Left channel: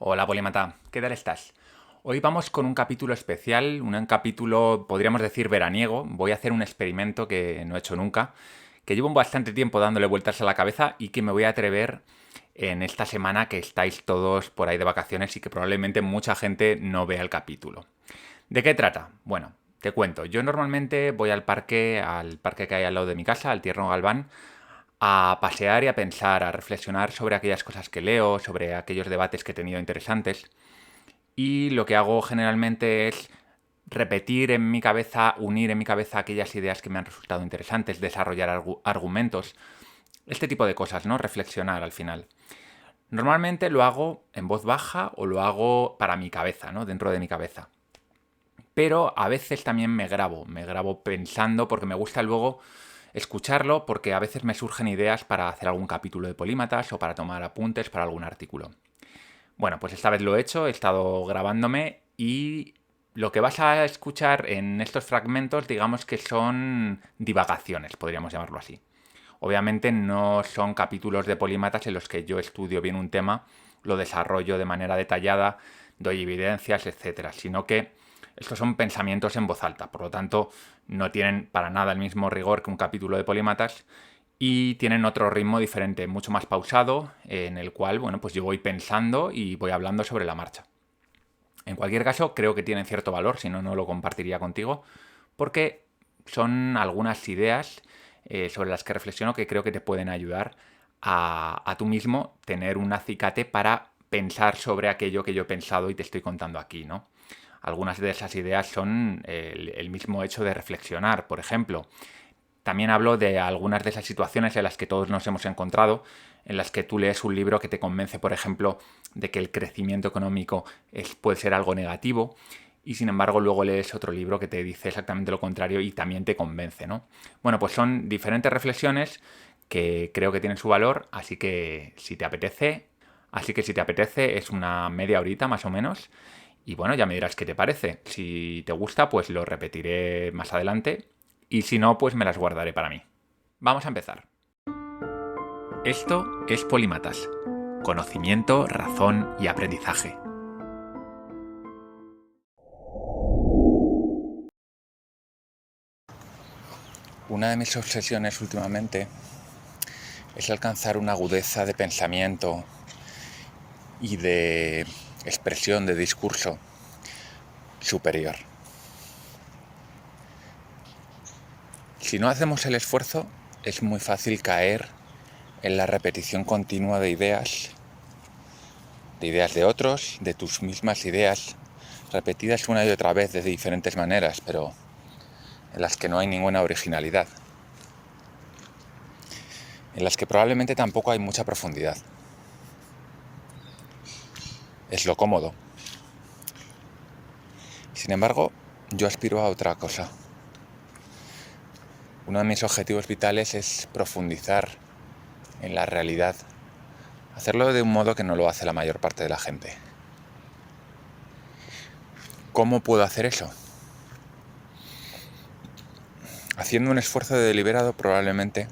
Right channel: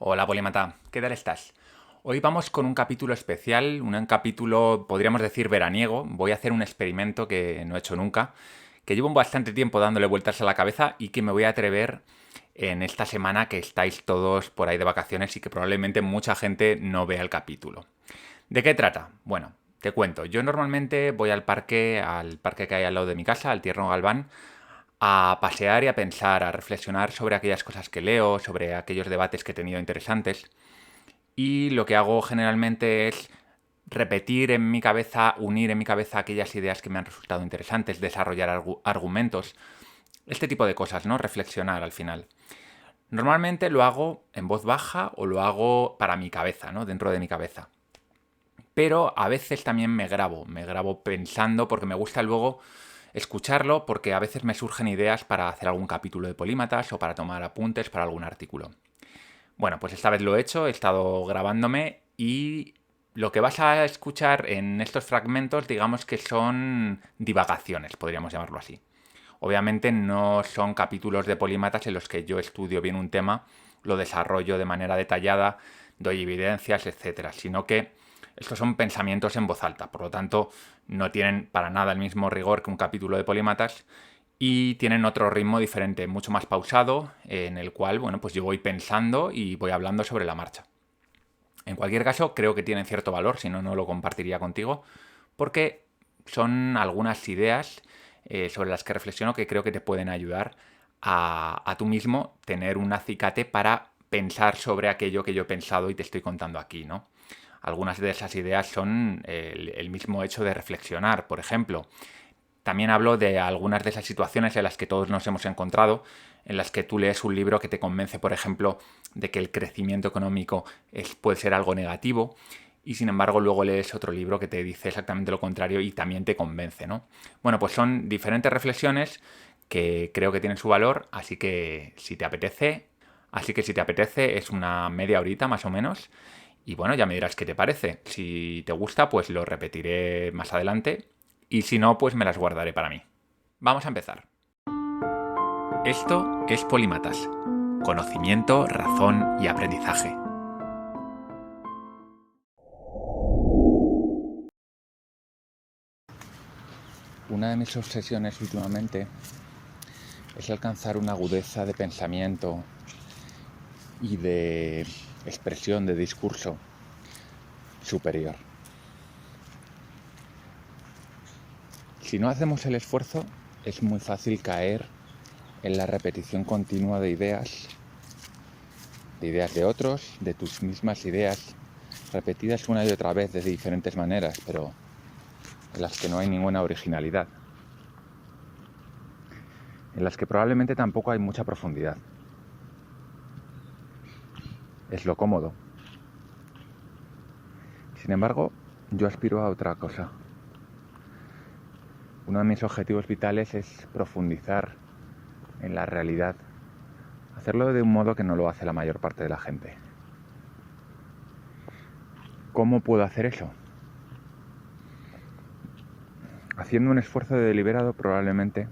Hola Polímata, ¿qué tal estás? Hoy vamos con un capítulo especial, un capítulo, podríamos decir, veraniego. Voy a hacer un experimento que no he hecho nunca, que llevo bastante tiempo dándole vueltas a la cabeza y que me voy a atrever en esta semana que estáis todos por ahí de vacaciones y que probablemente mucha gente no vea el capítulo. ¿De qué trata? Bueno, te cuento. Yo normalmente voy al parque que hay al lado de mi casa, al Tierno Galván, a pasear y a pensar, a reflexionar sobre aquellas cosas que leo, sobre aquellos debates que he tenido interesantes. Y lo que hago generalmente es repetir en mi cabeza, unir en mi cabeza aquellas ideas que me han resultado interesantes, desarrollar argumentos, este tipo de cosas, ¿no? Reflexionar al final. Normalmente lo hago en voz baja o lo hago para mi cabeza, ¿no? Dentro de mi cabeza. Pero a veces también me grabo pensando porque me gusta luego escucharlo porque a veces me surgen ideas para hacer algún capítulo de Polímatas o para tomar apuntes para algún artículo. Bueno, pues esta vez lo he hecho, he estado grabándome y lo que vas a escuchar en estos fragmentos, digamos que son divagaciones, podríamos llamarlo así. Obviamente no son capítulos de polímatas en los que yo estudio bien un tema, lo desarrollo de manera detallada, doy evidencias, etcétera, sino que estos son pensamientos en voz alta, por lo tanto no tienen para nada el mismo rigor que un capítulo de polímatas y tienen otro ritmo diferente, mucho más pausado, en el cual, bueno, pues yo voy pensando y voy hablando sobre la marcha. En cualquier caso, creo que tienen cierto valor, si no, no lo compartiría contigo, porque son algunas ideas sobre las que reflexiono que creo que te pueden ayudar a tú mismo tener un acicate para pensar sobre aquello que yo he pensado y te estoy contando aquí, ¿no? Algunas de esas ideas son el mismo hecho de reflexionar, por ejemplo. También hablo de algunas de esas situaciones en las que todos nos hemos encontrado, en las que tú lees un libro que te convence, por ejemplo, de que el crecimiento económico puede ser algo negativo, y sin embargo luego lees otro libro que te dice exactamente lo contrario y también te convence, ¿no? Bueno, pues son diferentes reflexiones que creo que tienen su valor, así que si te apetece es una media horita más o menos, y bueno, ya me dirás qué te parece. Si te gusta, pues lo repetiré más adelante y si no, pues me las guardaré para mí. Vamos a empezar. Esto es Polímatas. Conocimiento, razón y aprendizaje. Una de mis obsesiones últimamente es alcanzar una agudeza de pensamiento y de expresión, de discurso superior. Si no hacemos el esfuerzo, es muy fácil caer en la repetición continua de ideas de otros, de tus mismas ideas, repetidas una y otra vez de diferentes maneras, pero en las que no hay ninguna originalidad, en las que probablemente tampoco hay mucha profundidad. Es lo cómodo. Sin embargo, yo aspiro a otra cosa. Uno de mis objetivos vitales es profundizar en la realidad, hacerlo de un modo que no lo hace la mayor parte de la gente. ¿Cómo puedo hacer eso? Haciendo un esfuerzo deliberado probablemente,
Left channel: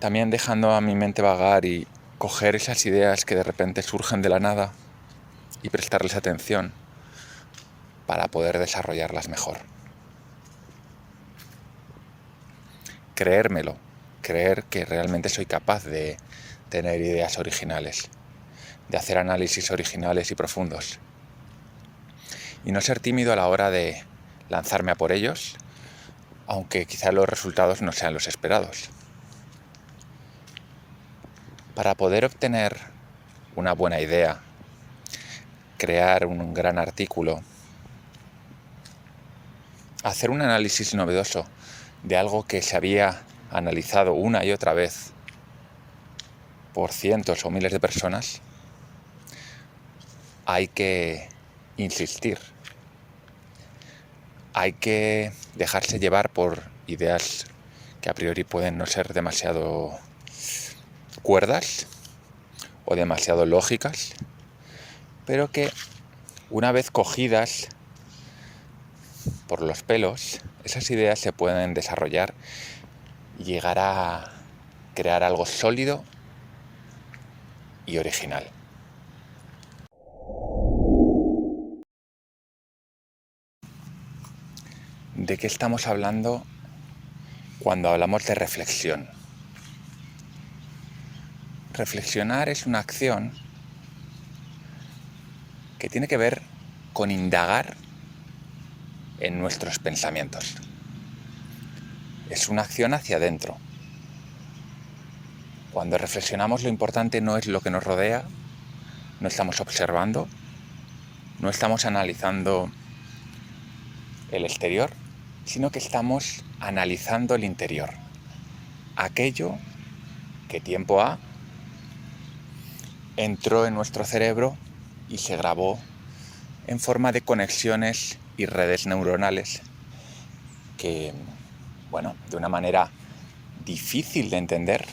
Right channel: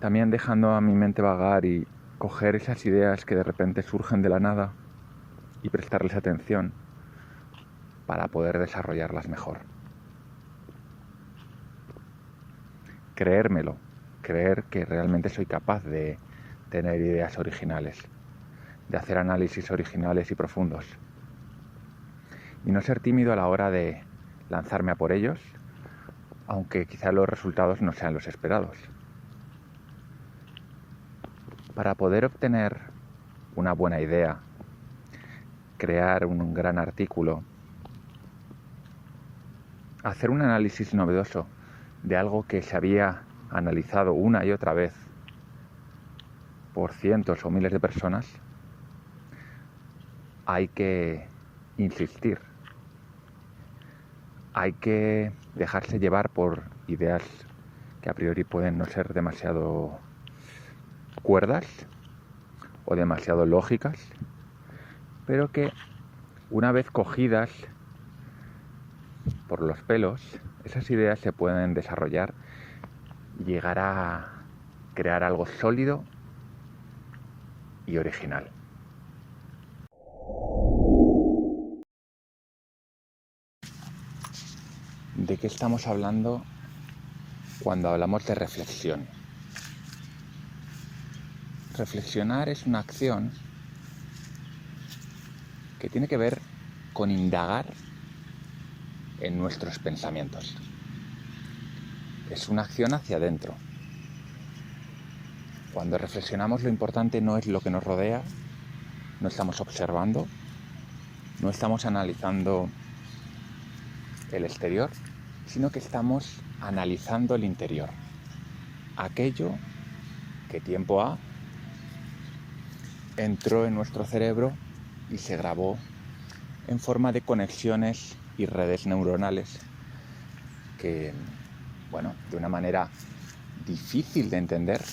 también dejando a mi mente vagar y coger esas ideas que de repente surgen de la nada y prestarles atención para poder desarrollarlas mejor. Creérmelo, creer que realmente soy capaz de tener ideas originales, de hacer análisis originales y profundos. Y no ser tímido a la hora de lanzarme a por ellos, aunque quizá los resultados no sean los esperados. Para poder obtener una buena idea, crear un gran artículo, hacer un análisis novedoso de algo que se había analizado una y otra vez por cientos o miles de personas, hay que insistir. Hay que dejarse llevar por ideas que a priori pueden no ser demasiado cuerdas o demasiado lógicas, pero que una vez cogidas por los pelos, esas ideas se pueden desarrollar y llegar a crear algo sólido y original. ¿de qué estamos hablando cuando hablamos de reflexión? Reflexionar es una acción que tiene que ver con indagar en nuestros pensamientos. Es una acción hacia adentro. Cuando reflexionamos, lo importante no es lo que nos rodea, no estamos observando, no estamos analizando el exterior, sino que estamos analizando el interior. Aquello que tiempo ha entró en nuestro cerebro y se grabó en forma de conexiones y redes neuronales que, de una manera difícil de entender,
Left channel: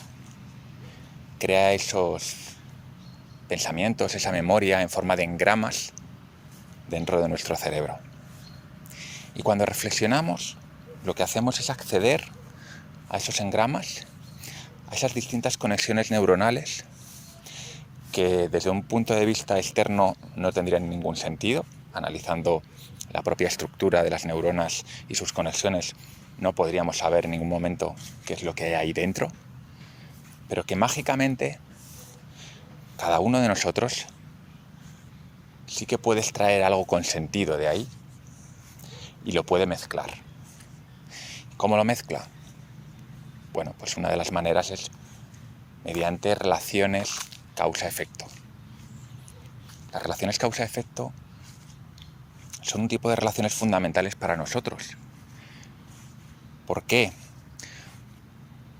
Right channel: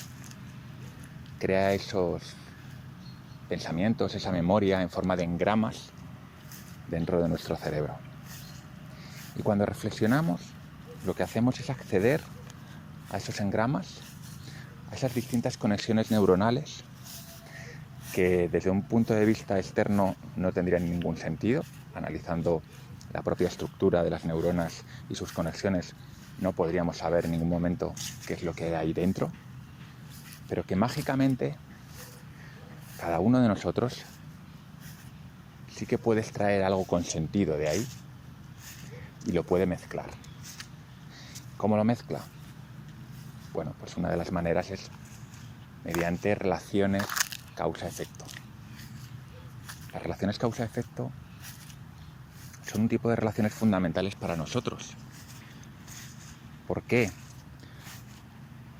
crea esos pensamientos, esa memoria en forma de engramas dentro de nuestro cerebro. Y cuando reflexionamos, lo que hacemos es acceder a esos engramas, a esas distintas conexiones neuronales que desde un punto de vista externo no tendrían ningún sentido. Analizando la propia estructura de las neuronas y sus conexiones, no podríamos saber en ningún momento qué es lo que hay ahí dentro, pero que mágicamente cada uno de nosotros sí que puede extraer algo con sentido de ahí y lo puede mezclar. ¿Cómo lo mezcla? Bueno, pues una de las maneras es mediante relaciones causa-efecto. Las relaciones causa-efecto son un tipo de relaciones fundamentales para nosotros. ¿Por qué?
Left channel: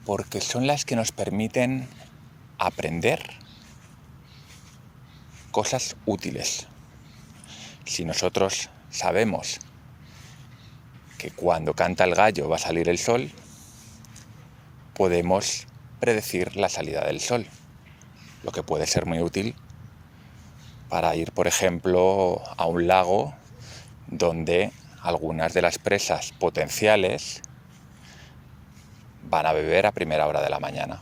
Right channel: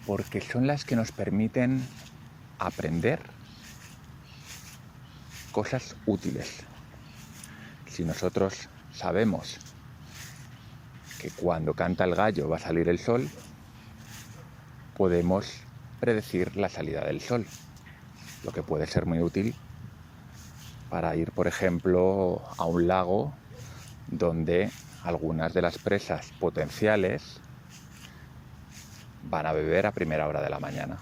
Porque son las que nos permiten aprender cosas útiles. Si nosotros sabemos que cuando canta el gallo va a salir el sol, podemos predecir la salida del sol, lo que puede ser muy útil para ir, por ejemplo, a un lago donde algunas de las presas potenciales van a beber a primera hora de la mañana.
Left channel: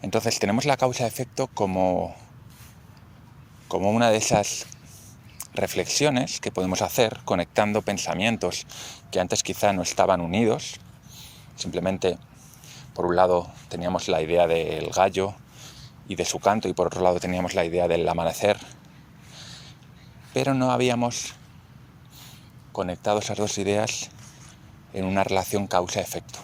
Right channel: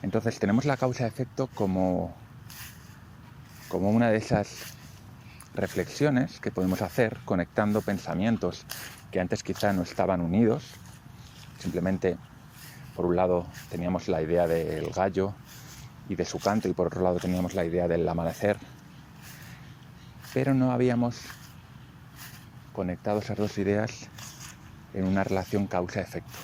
Entonces tenemos la causa-efecto como una de esas reflexiones que podemos hacer conectando pensamientos que antes quizá no estaban unidos. Simplemente, por un lado, teníamos la idea del gallo y de su canto, y por otro lado teníamos la idea del amanecer, pero no habíamos conectado esas dos ideas en una relación causa-efecto.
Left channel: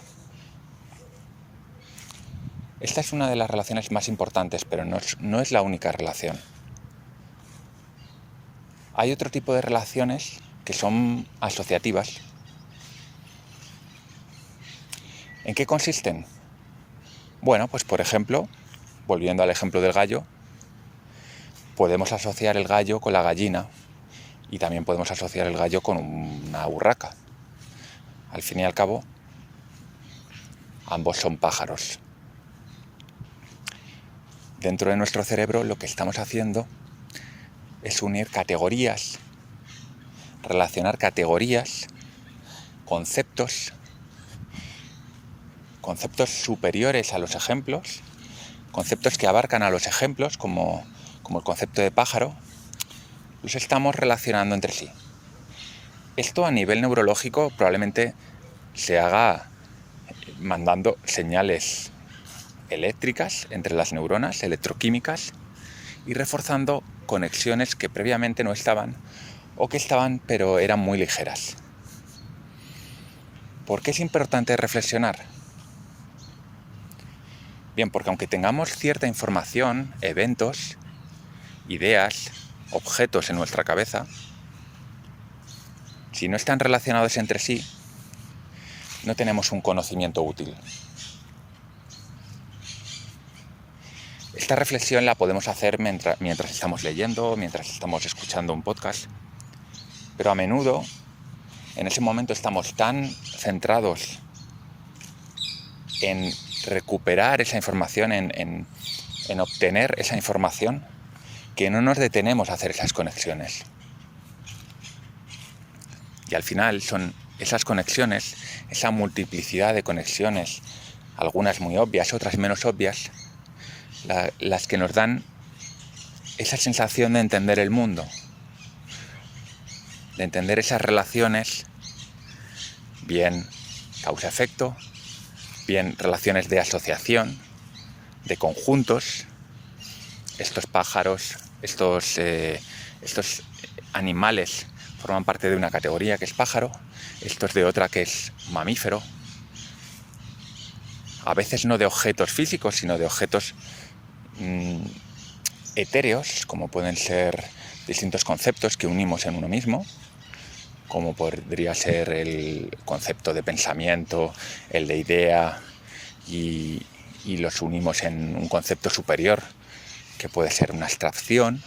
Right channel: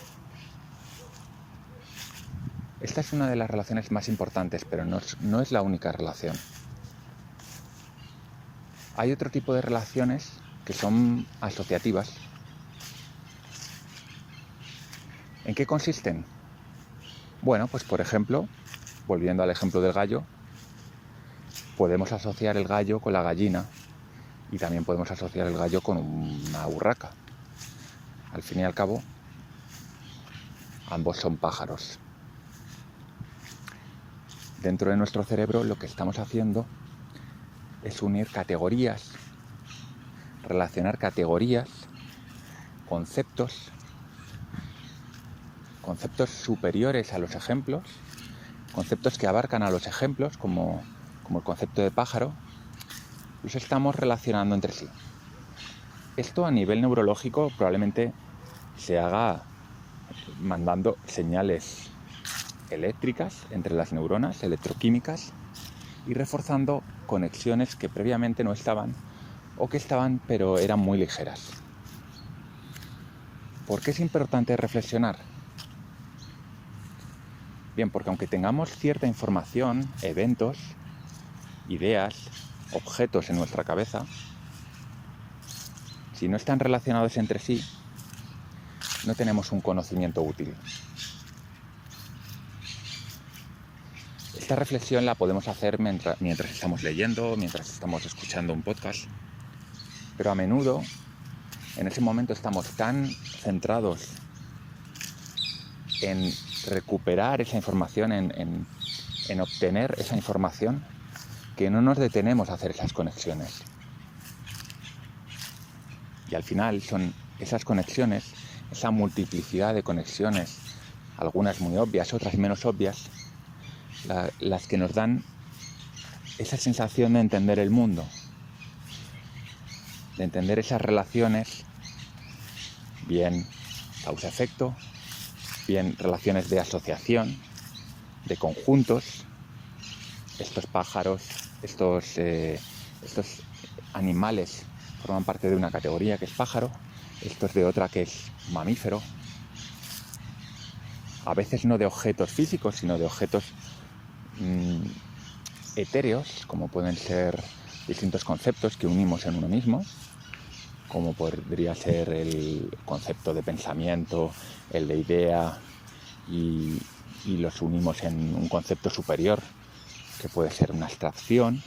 Esta es una de las relaciones más importantes, pero no es la única relación. Hay otro tipo de relaciones que son asociativas. ¿En qué consisten? Bueno, pues por ejemplo, volviendo al ejemplo del gallo, podemos asociar el gallo con la gallina y también podemos asociar el gallo con una urraca. Al fin y al cabo, ambos son pájaros. Dentro de nuestro cerebro lo que estamos haciendo es unir categorías, relacionar categorías, conceptos superiores a los ejemplos, conceptos que abarcan a los ejemplos, como el concepto de pájaro, los estamos relacionando entre sí. Esto a nivel neurológico probablemente se haga mandando señales eléctricas entre las neuronas, electroquímicas, y reforzando conexiones que previamente no estaban, o que estaban pero eran muy ligeras. ¿Por qué es importante reflexionar? Bien, porque aunque tengamos cierta información, eventos, ideas, objetos en nuestra cabeza, si no están relacionados entre sí, no tenemos un conocimiento útil. Esta reflexión la podemos hacer mientras estamos leyendo, mientras estamos escuchando un podcast, pero a menudo en ese momento estamos tan centrados en recuperar esa información, en obtener esa información, que no nos detenemos a hacer esas conexiones. Y al final son esas conexiones, esa multiplicidad de conexiones, algunas muy obvias, otras menos obvias, las que nos dan esa sensación de entender el mundo, de entender esas relaciones bien causa-efecto, bien relaciones de asociación, de conjuntos. Estos pájaros, estos animales forman parte de una categoría que es pájaro, estos de otra que es mamífero. A veces no de objetos físicos, sino de objetos etéreos, como pueden ser distintos conceptos que unimos en uno mismo, como podría ser el concepto de pensamiento, el de idea, y los unimos en un concepto superior, que puede ser una abstracción.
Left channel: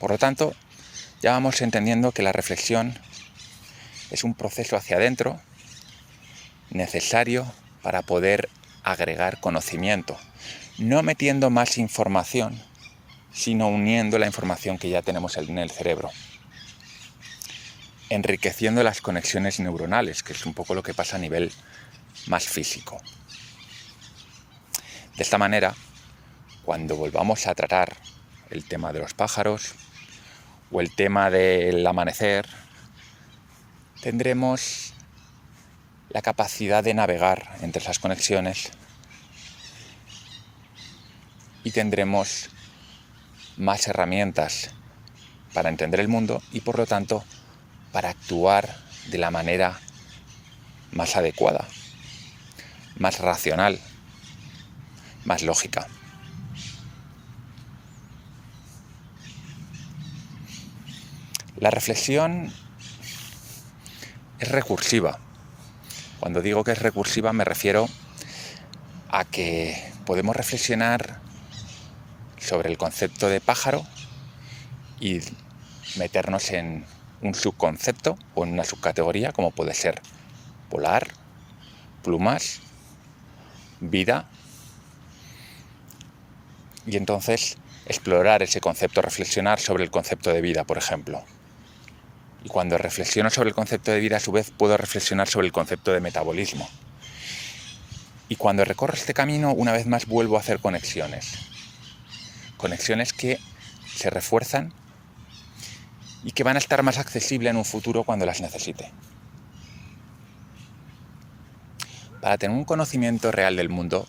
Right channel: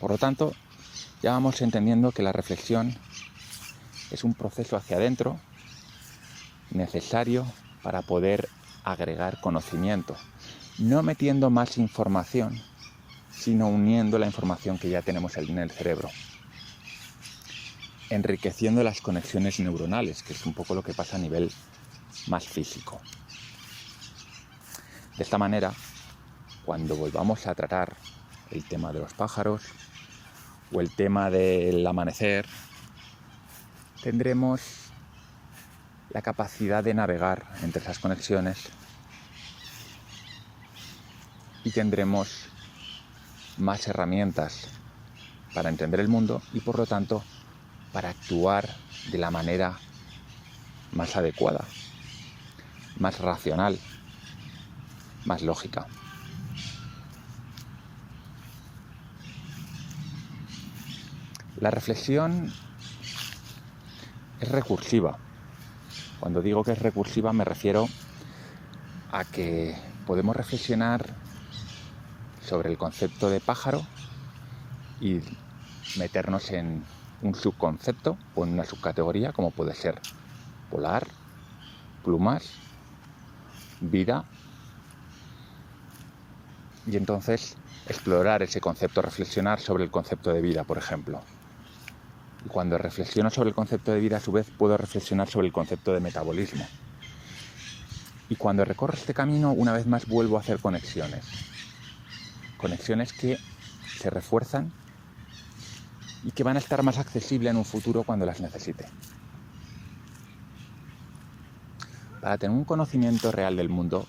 Por lo tanto, ya vamos entendiendo que la reflexión es un proceso hacia adentro necesario para poder agregar conocimiento, no metiendo más información, sino uniendo la información que ya tenemos en el cerebro, enriqueciendo las conexiones neuronales, que es un poco lo que pasa a nivel más físico. De esta manera, cuando volvamos a tratar el tema de los pájaros o el tema del amanecer, tendremos la capacidad de navegar entre esas conexiones y tendremos más herramientas para entender el mundo y, por lo tanto, para actuar de la manera más adecuada, más racional, más lógica. La reflexión es recursiva. Cuando digo que es recursiva me refiero a que podemos reflexionar sobre el concepto de pájaro y meternos en un subconcepto o en una subcategoría, como puede ser volar, plumas, vida, y entonces explorar ese concepto, reflexionar sobre el concepto de vida, por ejemplo. Y cuando reflexiono sobre el concepto de vida, a su vez puedo reflexionar sobre el concepto de metabolismo. Y cuando recorro este camino, una vez más vuelvo a hacer conexiones. Conexiones que se refuerzan y que van a estar más accesibles en un futuro cuando las necesite. Para tener un conocimiento real del mundo,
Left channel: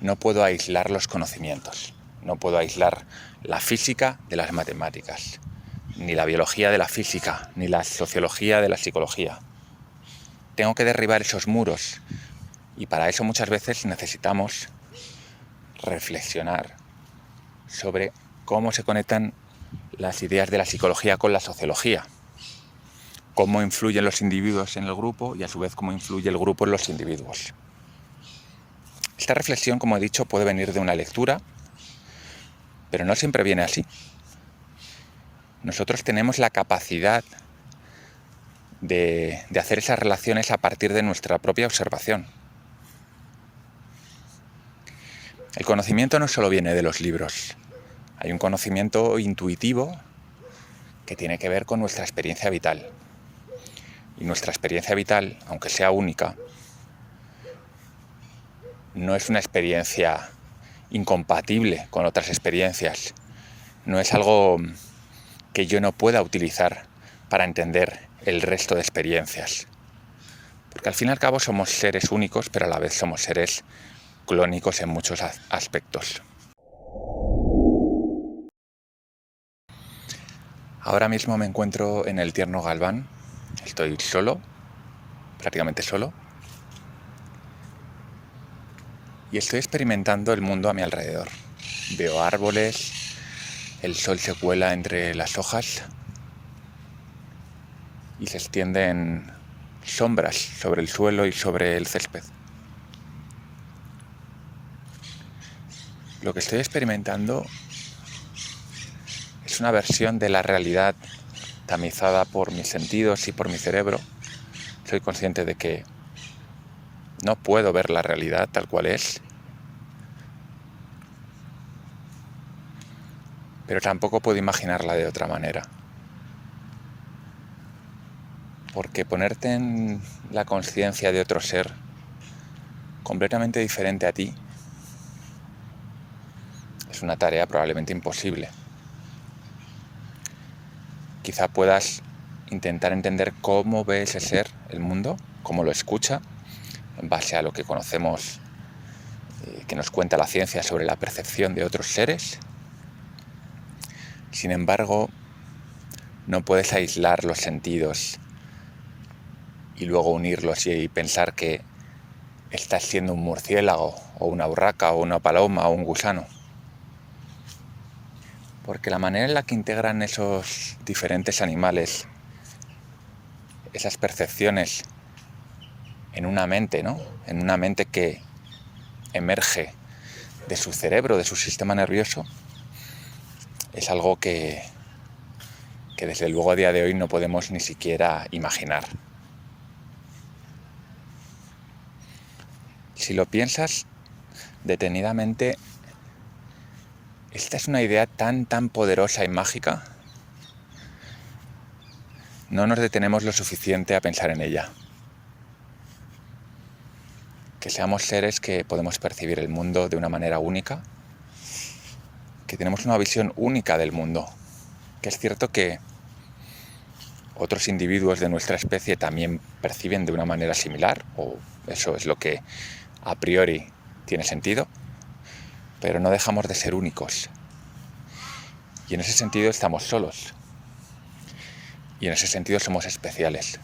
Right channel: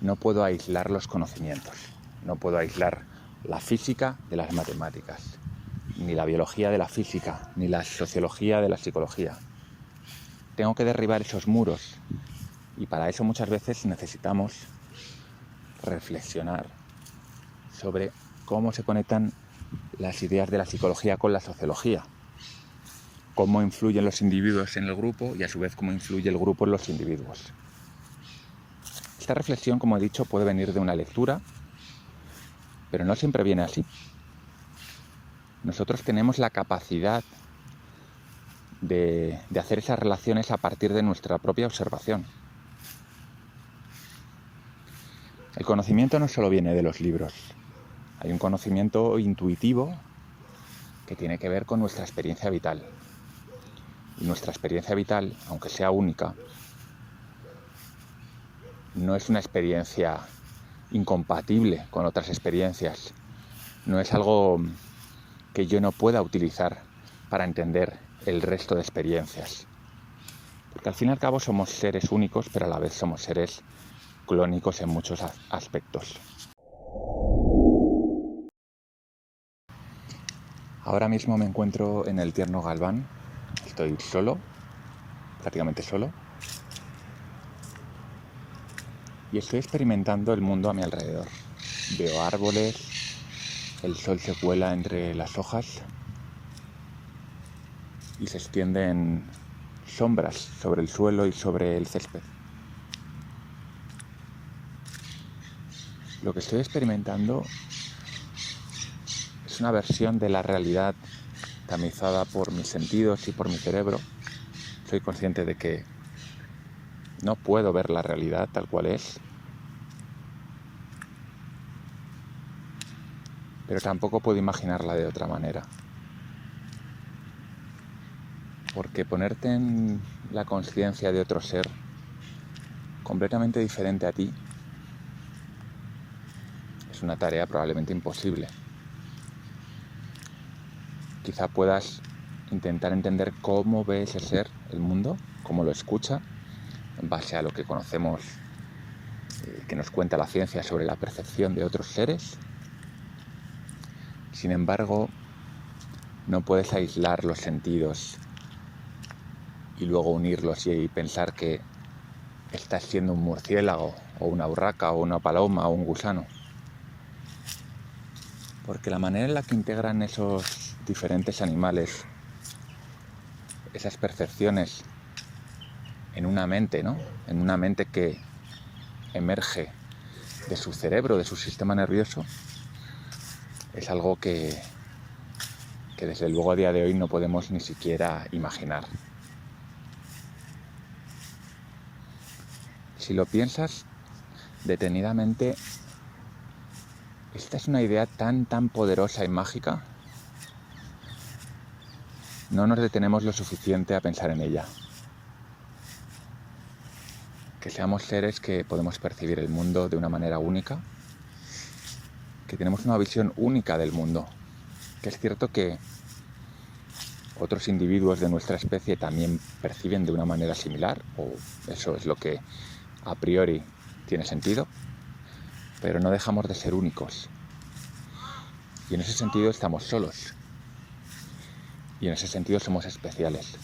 no puedo aislar los conocimientos. No puedo aislar la física de las matemáticas, ni la biología de la física, ni la sociología de la psicología. Tengo que derribar esos muros y para eso muchas veces necesitamos reflexionar sobre cómo se conectan las ideas de la psicología con la sociología, cómo influyen los individuos en el grupo y a su vez cómo influye el grupo en los individuos. Esta reflexión, como he dicho, puede venir de una lectura, pero no siempre viene así. Nosotros tenemos la capacidad de hacer esas relaciones a partir de nuestra propia observación. El conocimiento no solo viene de los libros. Hay un conocimiento intuitivo que tiene que ver con nuestra experiencia vital. Y nuestra experiencia vital, aunque sea única, no es una experiencia incompatible con otras experiencias. No es algo que yo no pueda utilizar para entender el resto de experiencias. Porque al fin y al cabo somos seres únicos, pero a la vez somos seres clónicos en muchos aspectos. Ahora mismo me encuentro en el Tierno Galván. Estoy solo, prácticamente solo. Y estoy experimentando el mundo a mi alrededor. Veo árboles, el sol se cuela entre las hojas y se extienden sombras sobre el suelo y sobre el césped. Lo que estoy experimentando es una versión de la realidad tamizada por mis sentidos y por mi cerebro. Soy consciente de que no puedo ver la realidad tal cual es, pero tampoco puedo imaginarla de otra manera. Porque ponerte en la conciencia de otro ser completamente diferente a ti es una tarea probablemente imposible. Quizá puedas intentar entender cómo ve ese ser el mundo, cómo lo escucha, en base a lo que conocemos, que nos cuenta la ciencia sobre la percepción de otros seres. Sin embargo, no puedes aislar los sentidos y luego unirlos y pensar que estás siendo un murciélago o una urraca o una paloma o un gusano. Porque la manera en la que integran esos diferentes animales esas percepciones en una mente, ¿no? En una mente que emerge de su cerebro, de su sistema nervioso, es algo que desde luego a día de hoy no podemos ni siquiera imaginar. Si lo piensas detenidamente, esta es una idea tan poderosa y mágica. No nos detenemos lo suficiente a pensar en ella. Que seamos seres que podemos percibir el mundo de una manera única, que tenemos una visión única del mundo, que es cierto que otros individuos de nuestra especie también perciben de una manera similar, o eso es lo que a priori tiene sentido, pero no dejamos de ser únicos. Y en ese sentido estamos solos. Y en ese sentido somos especiales.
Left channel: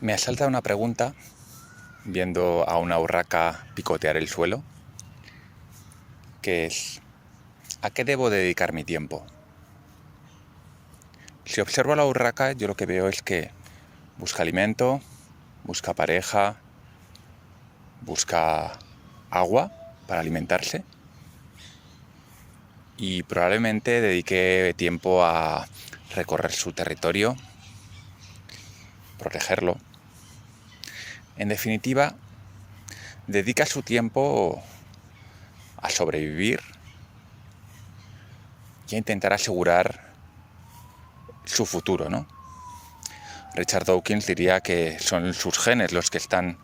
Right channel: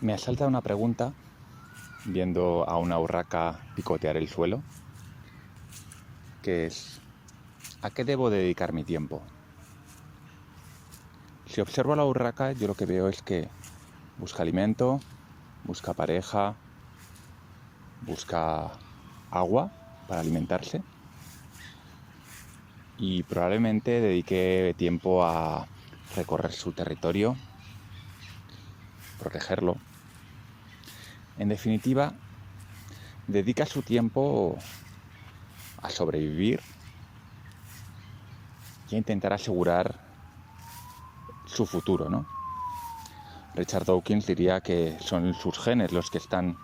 Me asalta una pregunta viendo a una urraca picotear el suelo, que es: ¿a qué debo dedicar mi tiempo? Si observo a la urraca, yo lo que veo es que busca alimento, busca pareja, busca agua para alimentarse, y probablemente dedique tiempo a recorrer su territorio, protegerlo. En definitiva, dedica su tiempo a sobrevivir y a intentar asegurar su futuro, ¿no? Richard Dawkins diría que son sus genes los que están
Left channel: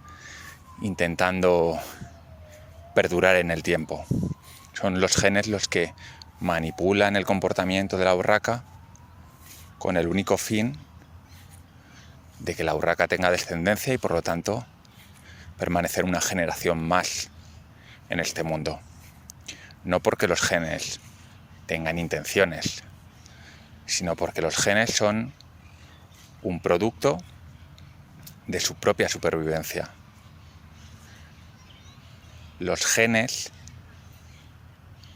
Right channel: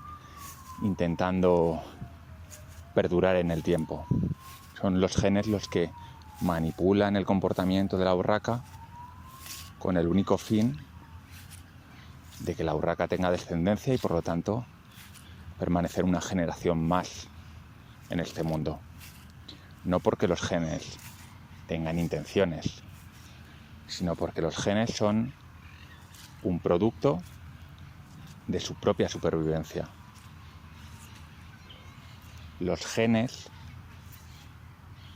intentando perdurar en el tiempo. Son los genes los que manipulan el comportamiento de la urraca con el único fin de que la urraca tenga descendencia y por lo tanto permanecer una generación más en este mundo. No porque los genes tengan intenciones, sino porque los genes son un producto de su propia supervivencia. Los genes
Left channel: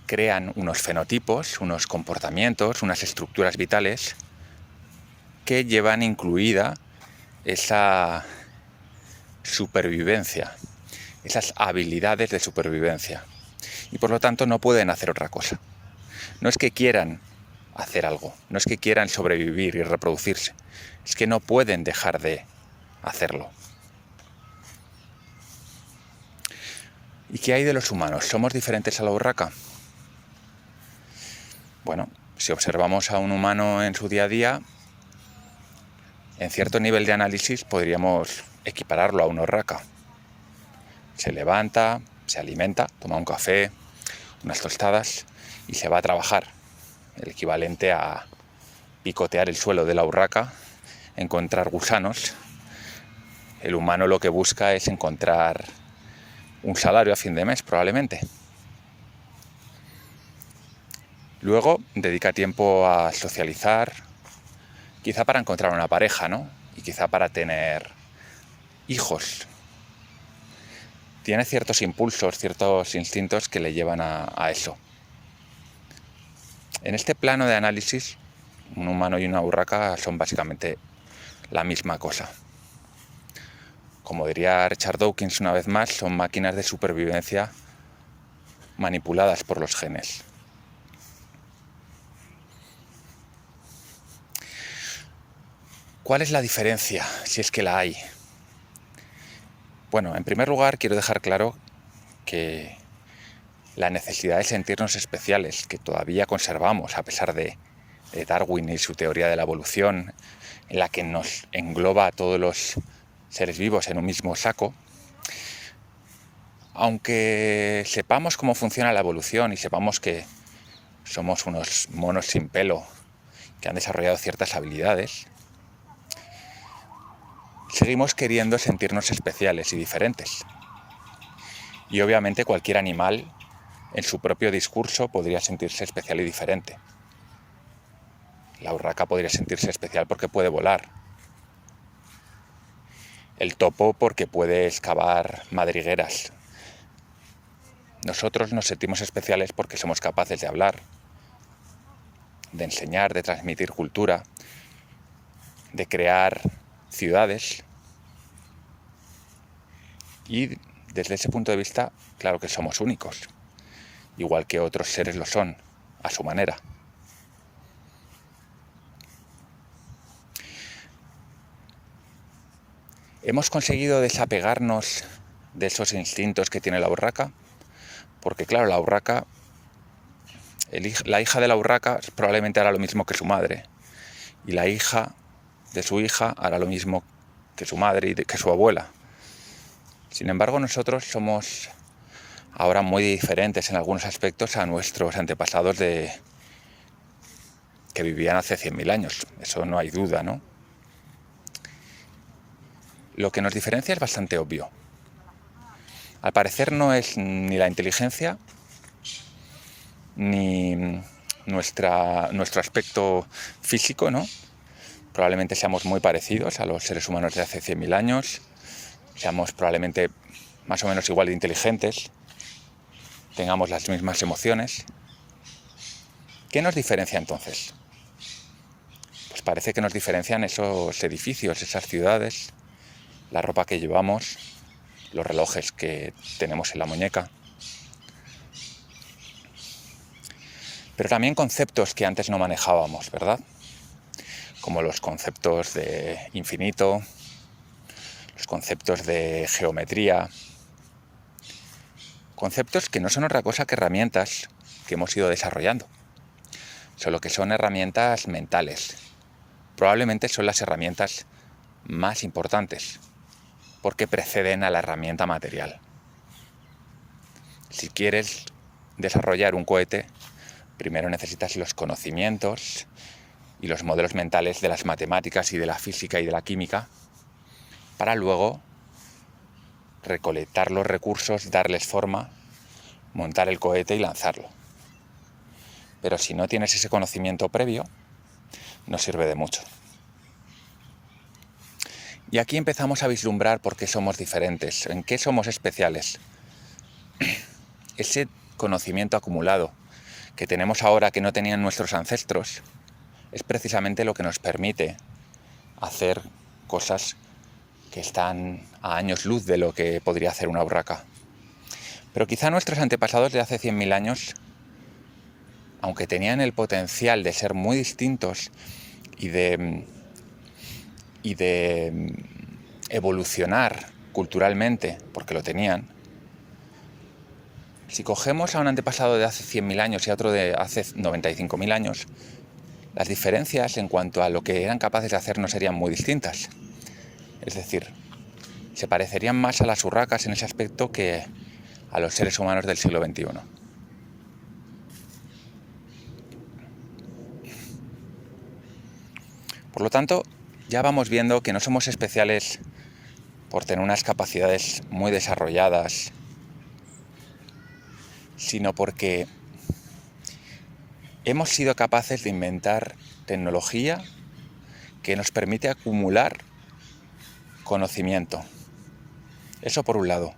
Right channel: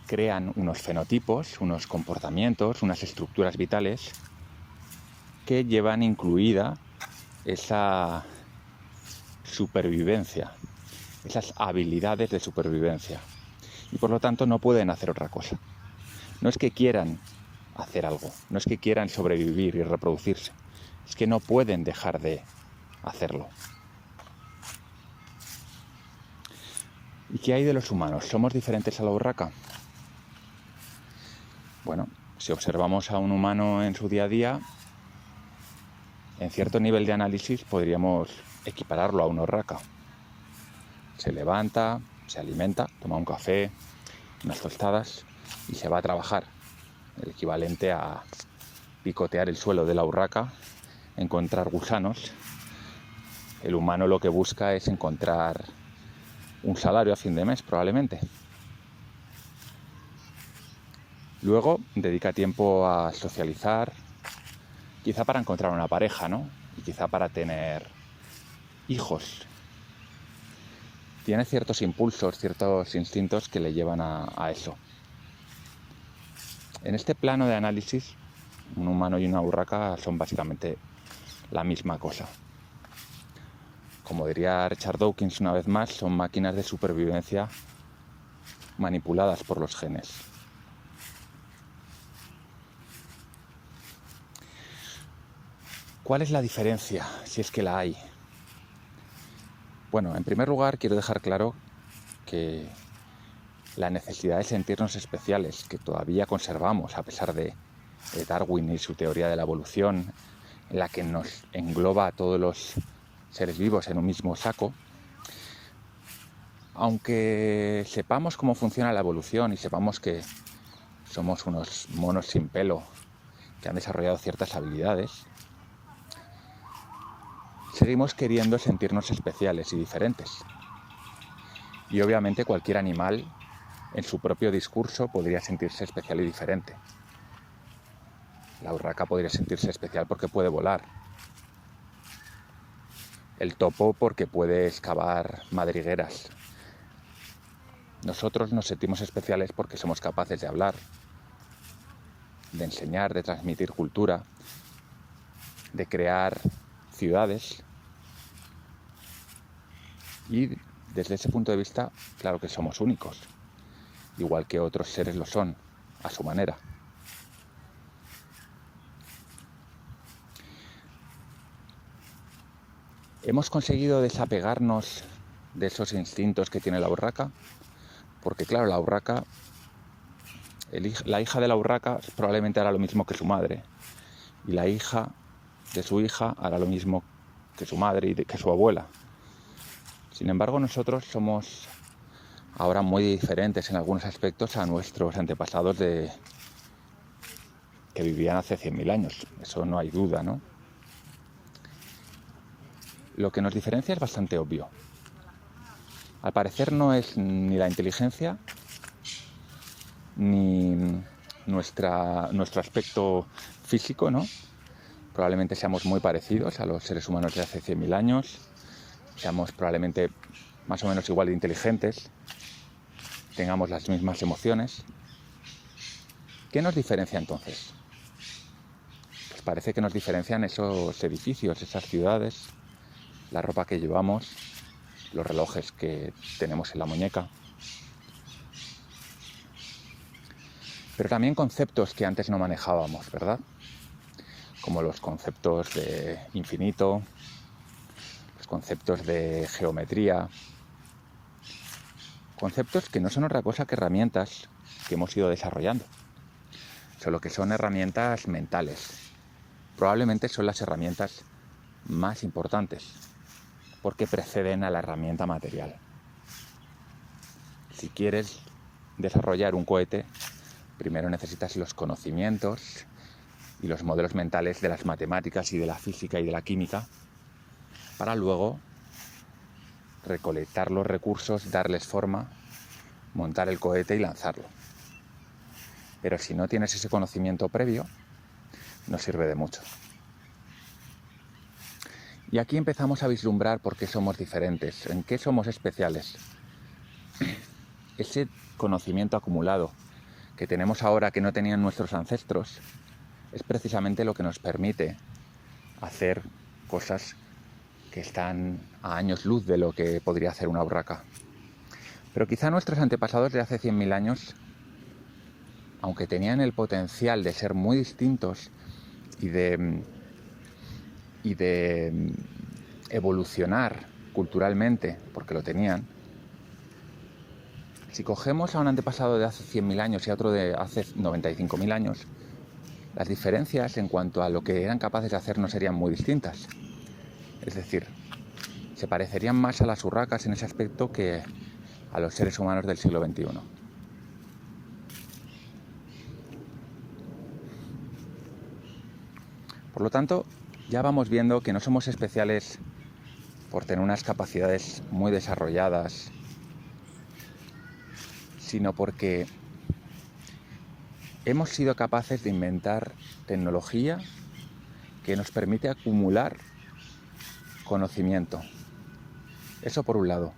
crean unos fenotipos, unos comportamientos, unas estructuras vitales que llevan incluida esa supervivencia, esas habilidades de supervivencia, y por lo tanto no pueden hacer otra cosa. No es que quieran hacer algo, no es que quieran sobrevivir y reproducirse, es que no pueden dejar de hacerlo. ¿Y qué hay de los humanos? ¿Somos diferentes a la urraca? Bueno, si observamos a un humano en su día a día, en cierto nivel de análisis podríamos equipararlo a una urraca. Se levanta, se alimenta, toma un café, unas tostadas y se va a trabajar. El equivalente a picotear el suelo de la urraca, encontrar gusanos. El humano lo que busca es encontrar un salario a fin de mes, probablemente. Luego dedica tiempo a socializar, quizá para encontrar una pareja, ¿no? Y quizá para tener hijos. Tiene ciertos impulsos, ciertos instintos que le llevan a eso. En este plano de análisis, un humano y una urraca son básicamente la misma cosa. Como diría Richard Dawkins una vez más, son máquinas de supervivencia manipuladas por los genes. ¿Cuál es la diferencia, si es que la hay? Bueno, en primer lugar quiero dejar claro que la necesidad de sentirnos especiales, que todavía conservamos a pesar de Darwin y su teoría de la evolución, en la que nos engloba a todos los seres vivos en un mismo saco, aunque sepamos cómo funciona la evolución y sepamos que somos unos monos sin pelo que han desarrollado ciertas habilidades, seguimos queriendo sentirnos especiales y diferentes. Y obviamente cualquier animal en su propio discurso podría sentirse especial y diferente. La urraca podría sentirse especial porque puede volar. El topo porque puede excavar madrigueras. Nosotros nos sentimos especiales porque somos capaces de hablar, de enseñar, de transmitir cultura, de crear ciudades. Y desde ese punto de vista, claro que somos únicos, igual que otros seres lo son, a su manera. Hemos conseguido desapegarnos de esos instintos que tiene la urraca, porque claro, la urraca, la hija de la urraca probablemente hará lo mismo que su madre, y la hija de su hija hará lo mismo que su madre y que su abuela. Sin embargo, nosotros somos ahora muy diferentes en algunos aspectos a nuestros antepasados que vivían hace 100.000 años. Eso no hay duda, ¿no? Lo que nos diferencia es bastante obvio. Al parecer no es ni la inteligencia ni nuestro aspecto físico, ¿no? Probablemente seamos muy parecidos a los seres humanos de hace 100.000 años, seamos probablemente más o menos igual de inteligentes, tengamos las mismas emociones. ¿Qué nos diferencia entonces? Pues parece que nos diferencian esos edificios, esas ciudades, la ropa que llevamos, los relojes que tenemos en la muñeca. Pero también conceptos que antes no manejábamos, ¿verdad? Como los conceptos de infinito, los conceptos de geometría, conceptos que no son otra cosa que herramientas que hemos ido desarrollando, solo que son herramientas mentales. Probablemente son las herramientas más importantes, porque preceden a la herramienta material. Si quieres desarrollar un cohete, primero necesitas los conocimientos y los modelos mentales de las matemáticas y de la física y de la química, para luego recolectar los recursos, darles forma, montar el cohete y lanzarlo. Pero si no tienes ese conocimiento previo, no sirve de mucho. Y aquí empezamos a vislumbrar por qué somos diferentes, en qué somos especiales. Ese conocimiento acumulado que tenemos ahora que no tenían nuestros ancestros es precisamente lo que nos permite hacer cosas que están a años luz de lo que podría hacer una urraca. Pero quizá nuestros antepasados de hace 100.000 años, aunque tenían el potencial de ser muy distintos y de evolucionar culturalmente, porque lo tenían, si cogemos a un antepasado de hace 100.000 años y a otro de hace 95.000 años, las diferencias en cuanto a lo que eran capaces de hacer no serían muy distintas. Es decir, se parecerían más a las urracas en ese aspecto que a los seres humanos del siglo XXI. Por lo tanto, ya vamos viendo que no somos especiales por tener unas capacidades muy desarrolladas, sino porque hemos sido capaces de inventar tecnología que nos permite acumular conocimiento. Eso por un lado.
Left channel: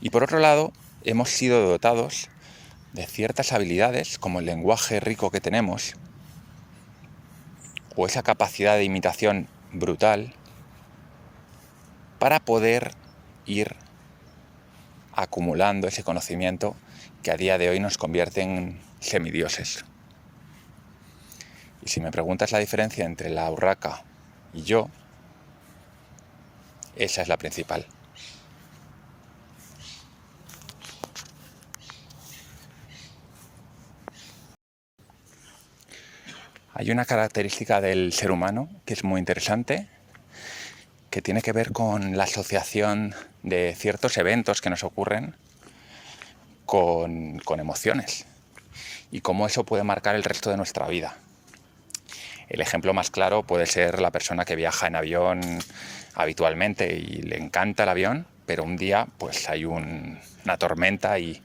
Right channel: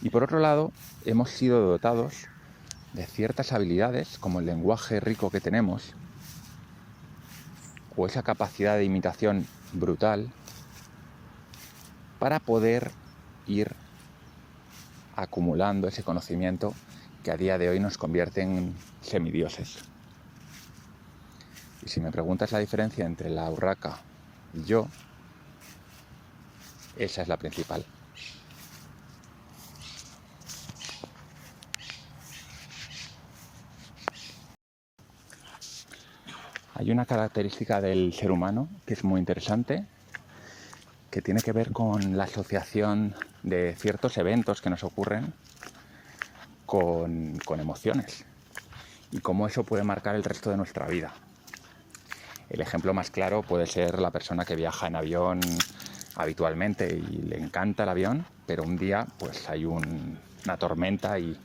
Y por otro lado, hemos sido dotados de ciertas habilidades, como el lenguaje rico que tenemos, o esa capacidad de imitación brutal, para poder ir acumulando ese conocimiento que a día de hoy nos convierte en semidioses. Y si me preguntas la diferencia entre la urraca y yo, esa es la principal. Hay una característica del ser humano que es muy interesante, que tiene que ver con la asociación de ciertos eventos que nos ocurren con emociones. y cómo eso puede marcar el resto de nuestra vida. El ejemplo más claro puede ser la persona que viaja en avión habitualmente y le encanta el avión, pero un día pues hay una tormenta y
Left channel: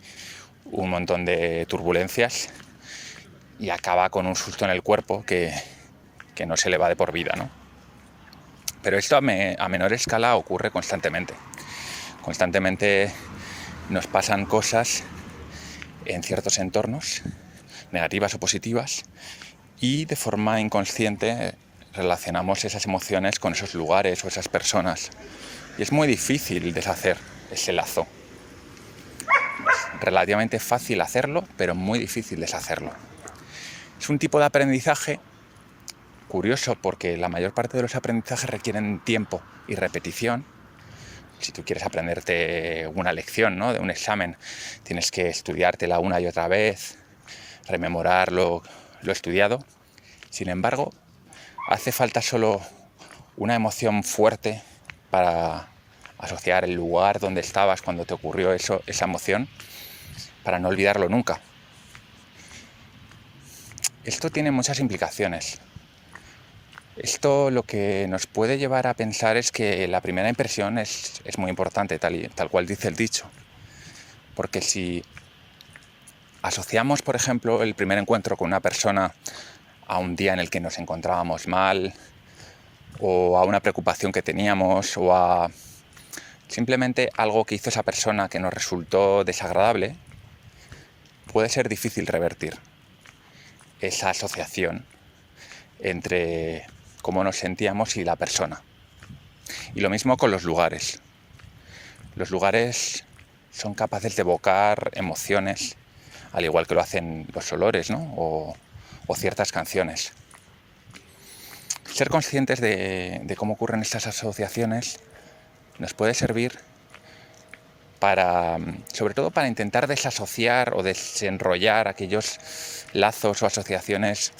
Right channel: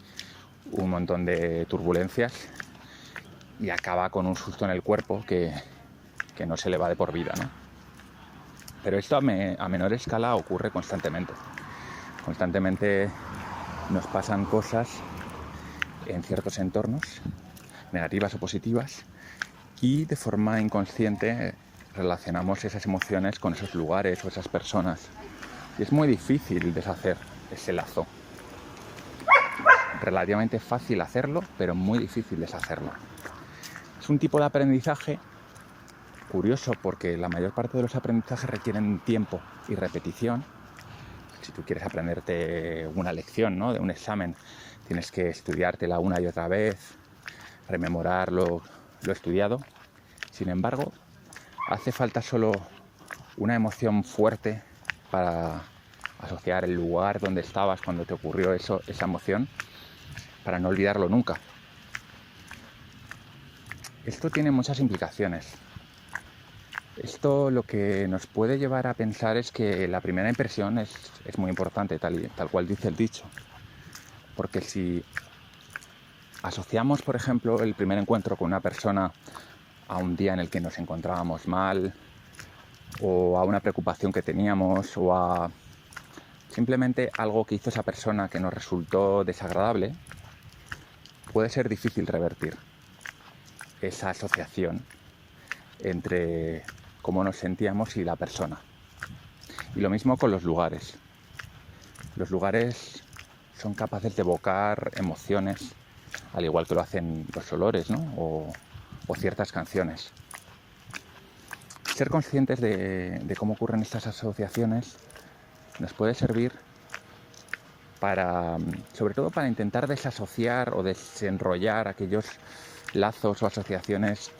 un montón de turbulencias y acaba con un susto en el cuerpo que no se le va de por vida, ¿no? Pero esto a menor escala ocurre constantemente. Constantemente nos pasan cosas en ciertos entornos, negativas o positivas, y de forma inconsciente relacionamos esas emociones con esos lugares o esas personas. Y es muy difícil deshacer ese lazo. Es relativamente fácil hacerlo, pero muy difícil deshacerlo. Es un tipo de aprendizaje curioso porque la mayor parte de los aprendizajes requieren tiempo y repetición. Si tú quieres aprenderte una lección, ¿no?, de un examen, tienes que estudiártela una y otra vez, rememorar lo estudiado. Sin embargo, hace falta solo una emoción fuerte para asociar el lugar donde estabas cuando te ocurrió esa emoción, para no olvidarlo nunca. Esto tiene muchas implicaciones. Esto lo que nos puede llevar a pensar es que la primera impresión es muy importante, tal cual dice el dicho. Porque si asociamos, por ejemplo, el primer encuentro con una persona a un día en el que nos encontrábamos mal, o a una preocupación que teníamos, o a simplemente algo que hizo esa persona que nos resultó desagradable, puede ser difícil revertir esa asociación entre cómo nos sentíamos y la persona. Y lo mismo con los lugares. Los lugares son capaces de evocar emociones, al igual que lo hacen los olores, ¿no?, o ciertas canciones. Ser conscientes de cómo ocurren estas asociaciones nos puede servir sobre todo para intentar desasociar o desenrollar aquellos lazos o asociaciones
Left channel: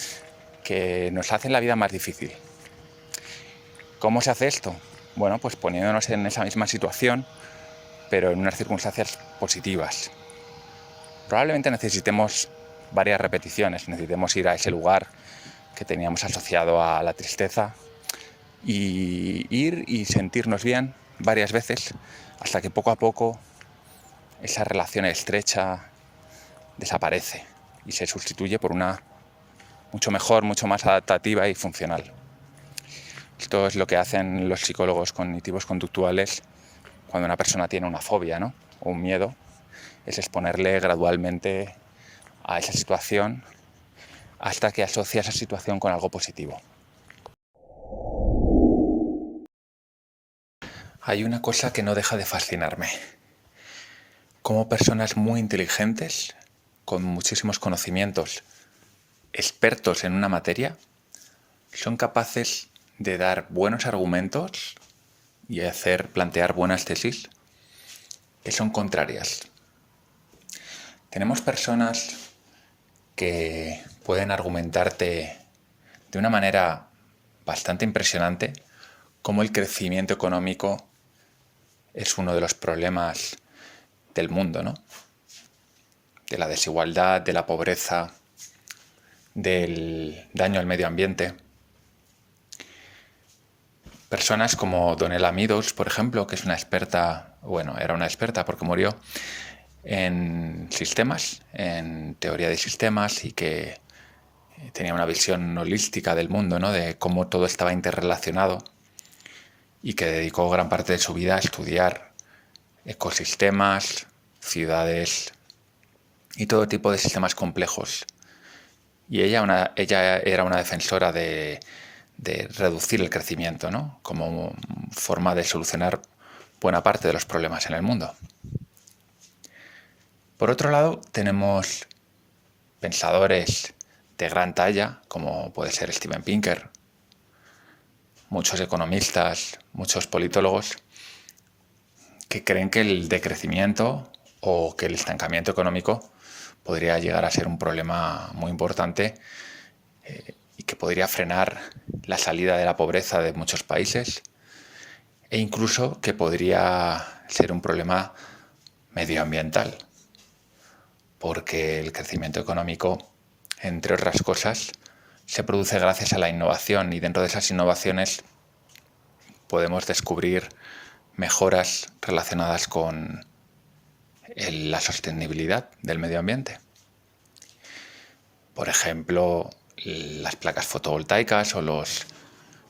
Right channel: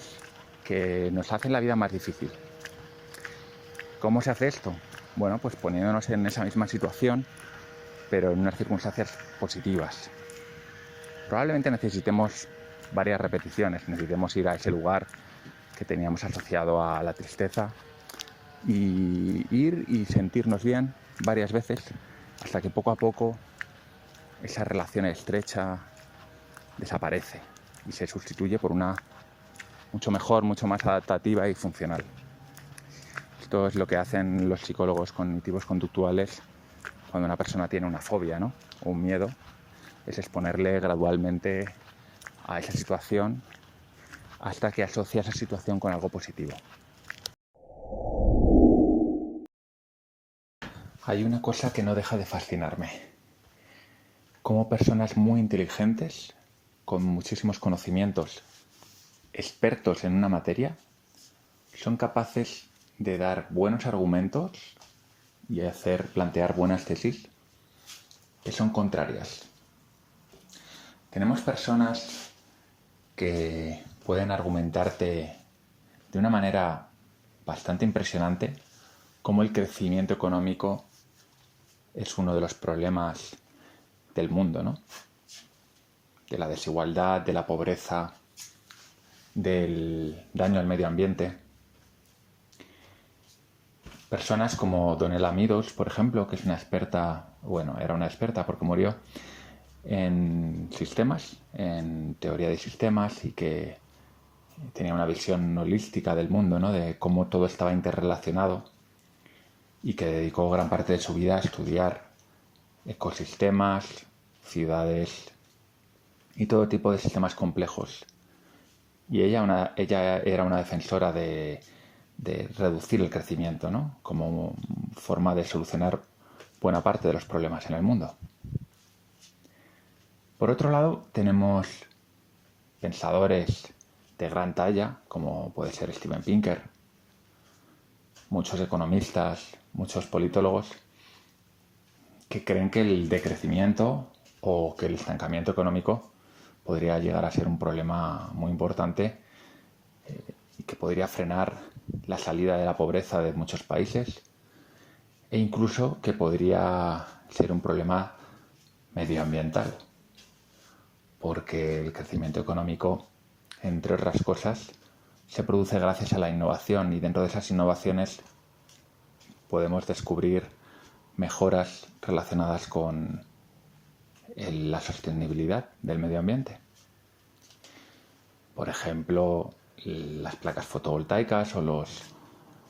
que nos hacen la vida más difícil. ¿Cómo se hace esto? Bueno, pues poniéndonos en esa misma situación, pero en unas circunstancias positivas. Probablemente necesitemos varias repeticiones, necesitemos ir a ese lugar que teníamos asociado a la tristeza y ir y sentirnos bien varias veces hasta que poco a poco esa relación estrecha desaparece y se sustituye por una mucho mejor, mucho más adaptativa y funcional. Esto es lo que hacen los psicólogos cognitivos conductuales cuando una persona tiene una fobia, ¿no?, o un miedo, es exponerle gradualmente a esa situación hasta que asocia esa situación con algo positivo. Hay una cosa que no deja de fascinarme. Cómo personas muy inteligentes, con muchísimos conocimientos, expertos en una materia, son capaces de dar buenos argumentos y plantear buenas tesis que son contrarias. Tenemos personas que pueden argumentarte de una manera bastante impresionante cómo el crecimiento económico es uno de los problemas del mundo, ¿no?, de la desigualdad, de la pobreza, del daño al medio ambiente. Personas como Donella Meadows, por ejemplo, que es una experta, era una experta porque murió, en sistemas, en teoría de sistemas, y que tenía una visión holística del mundo, ¿no?, de cómo todo estaba interrelacionado, y que dedicó gran parte de su vida a estudiar ecosistemas, ciudades y todo tipo de sistemas complejos. Y ella era una defensora de reducir el crecimiento, ¿no?, como forma de solucionar buena parte de los problemas en el mundo. Por otro lado, tenemos pensadores de gran talla, como puede ser Steven Pinker, muchos economistas, muchos politólogos, que creen que el decrecimiento o que el estancamiento económico podría llegar a ser un problema muy importante y que podría frenar la salida de la pobreza de muchos países, e incluso que podría ser un problema medioambiental, porque el crecimiento económico entre otras cosas, se produce gracias a la innovación, y dentro de esas innovaciones podemos descubrir mejoras relacionadas con la sostenibilidad del medio ambiente. Por ejemplo, las placas fotovoltaicas o los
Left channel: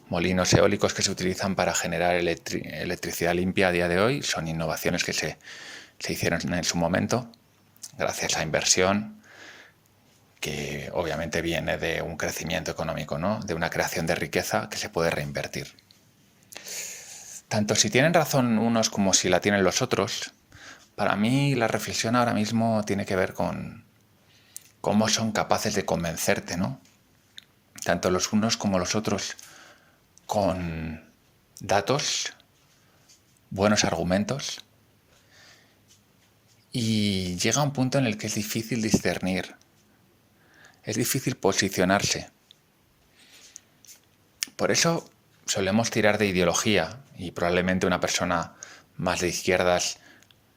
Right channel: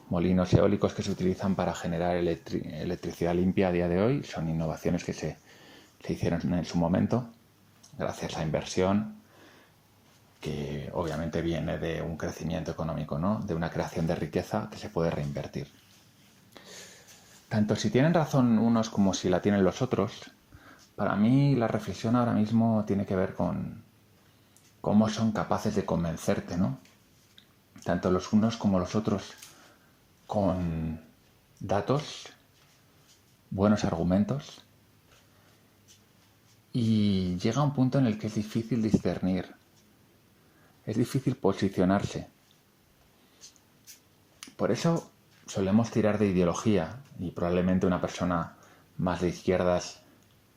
molinos eólicos que se utilizan para generar electricidad limpia a día de hoy son innovaciones que se hicieron en su momento gracias a inversión que obviamente viene de un crecimiento económico, ¿no? De una creación de riqueza que se puede reinvertir. Tanto si tienen razón unos como si la tienen los otros, para mí la reflexión ahora mismo tiene que ver con cómo son capaces de convencerte, ¿no? Tanto los unos como los otros, con datos, buenos argumentos, y llega un punto en el que es difícil discernir, es difícil posicionarse. Por eso solemos tirar de ideología, y probablemente una persona más de izquierdas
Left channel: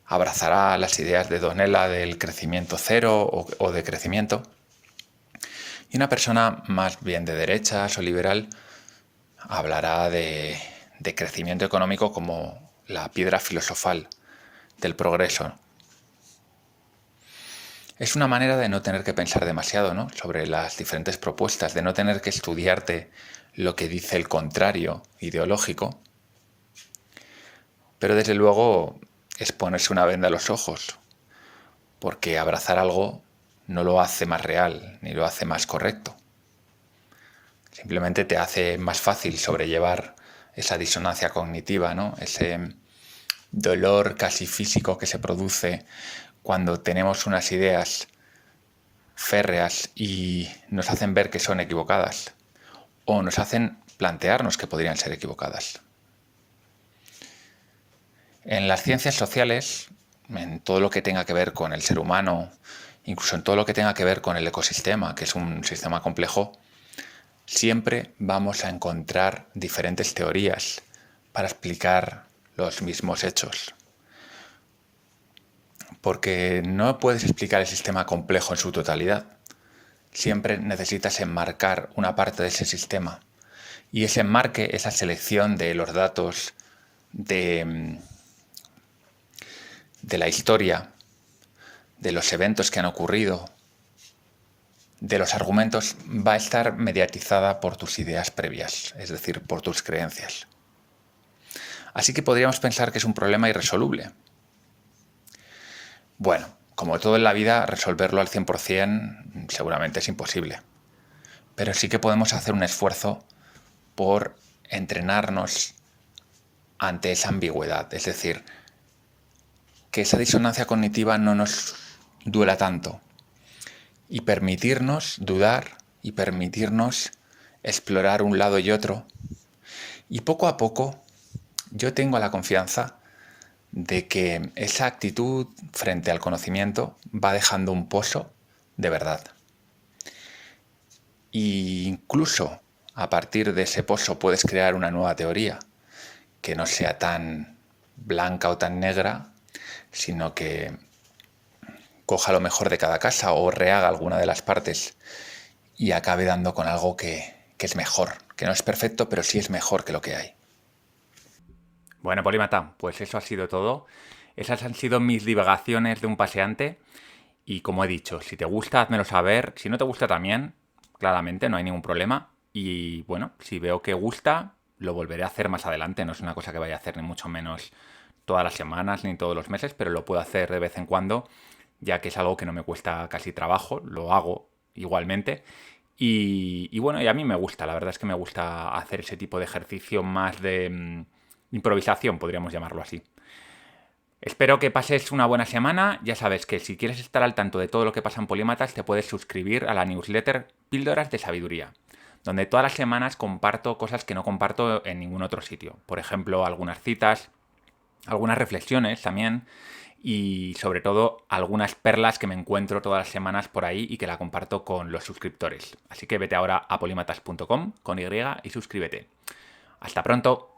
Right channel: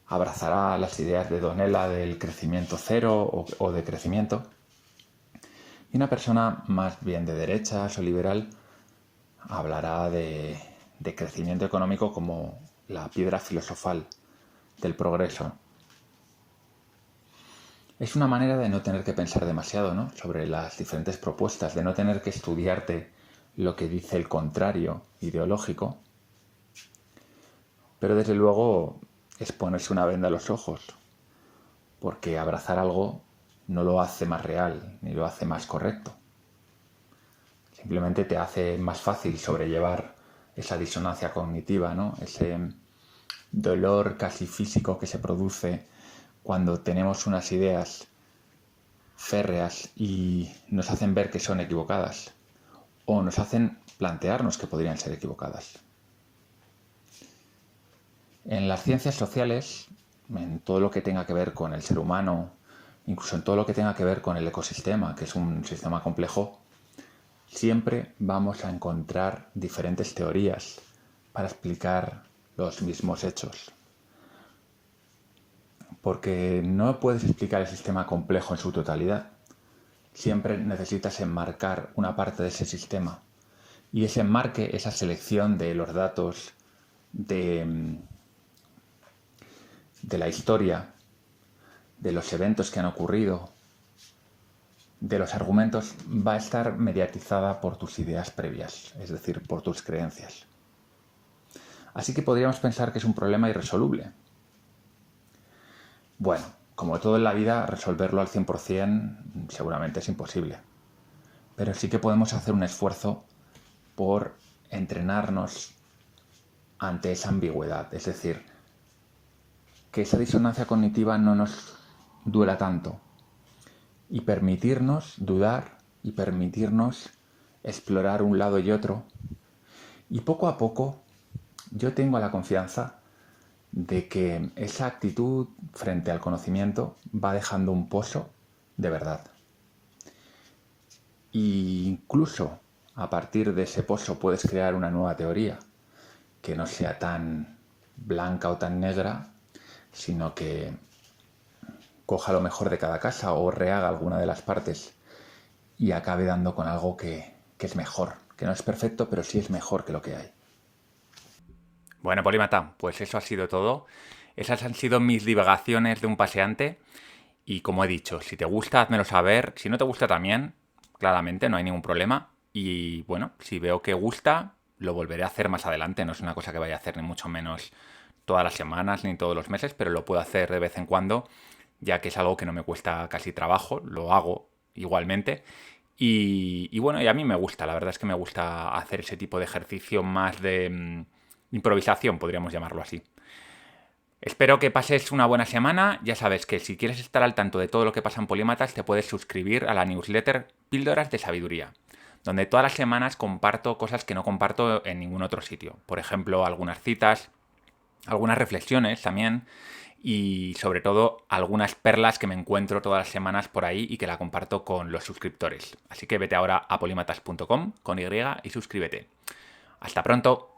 abrazará las ideas de Donella del crecimiento cero o de crecimiento, y una persona más bien de derechas o liberal hablará de crecimiento económico como la piedra filosofal del progreso. Es una manera de no tener que pensar demasiado, ¿no?, sobre las diferentes propuestas, de no tener que estudiarte lo que dice el contrario ideológico, pero desde luego es ponerse una venda a los ojos, porque abrazar algo no lo hace más real ni lo hace más correcto. Simplemente te hace más fácil sobrellevar esa disonancia cognitiva, ¿no?, ese dolor casi físico que se produce cuando tenemos unas ideas férreas y nos hacen ver que son equivocadas o nos hacen plantearnos que podrían ser equivocadas. En las ciencias sociales, en todo lo que tenga que ver con el ser humano, incluso en todo lo que tenga que ver con el ecosistema, que es un sistema complejo, siempre vamos a encontrar diferentes teorías para explicar los mismos hechos. Porque no puedes explicar el sistema complejo en su totalidad. Siempre necesitas enmarcar una parte de ese sistema. Y ese enmarque, esa selección de los datos de la historia, de los eventos que han ocurrido, de los argumentos, va a estar mediatizada por tus ideas previas, es decir, por tus creencias. Así que podríamos pensar que es un problema irresoluble. Bueno, como todo en la vida, resolverlo al 100% seguramente es imposible. Pero sí que podemos hacer un esfuerzo por entrenarnos ante esa ambigüedad. Es decir, que esa disonancia cognitiva no nos duela tanto. Y permitirnos dudar y permitirnos explorar un lado y otro. Y poco a poco yo tengo la confianza de que esa actitud frente al conocimiento va dejando un pozo de verdad. E incluso a partir de ese pozo puedes crear una nueva teoría que no sea tan blanca o tan negra, sino que coja lo mejor de cada casa o rehaga alguna de las partes y acabe dando con algo que es mejor, que no es perfecto, pero sí es mejor que lo que hay. Bueno, Polímata, pues eso ha sido todo. Esas han sido mis divagaciones de un paseante. Y como he dicho, si te gusta, házmelo saber. Si no te gusta también, claramente, no hay ningún problema. Y bueno, si veo que gusta, lo volveré a hacer más adelante. No es una cosa que vaya a hacer ni mucho menos todas las semanas ni todos los meses, pero lo puedo hacer de vez en cuando, ya que es algo que no me cuesta casi trabajo. Lo hago igualmente. Y bueno, y a mí me gusta. La verdad es que me gusta hacer ese tipo de ejercicio más de improvisación, podríamos llamarlo así. Espero que pases una buena semana. Ya sabes que si quieres estar al tanto de todo lo que pasa en Polímatas, te puedes suscribir a la newsletter Píldoras de Sabiduría, donde todas las semanas comparto cosas que no comparto en ningún otro sitio. Por ejemplo, algunas citas, algunas reflexiones también, y sobre todo algunas perlas que me encuentro todas las semanas por ahí y que la comparto con los suscriptores. Así que vete ahora a polímatas.com con Y y suscríbete. ¡Hasta pronto!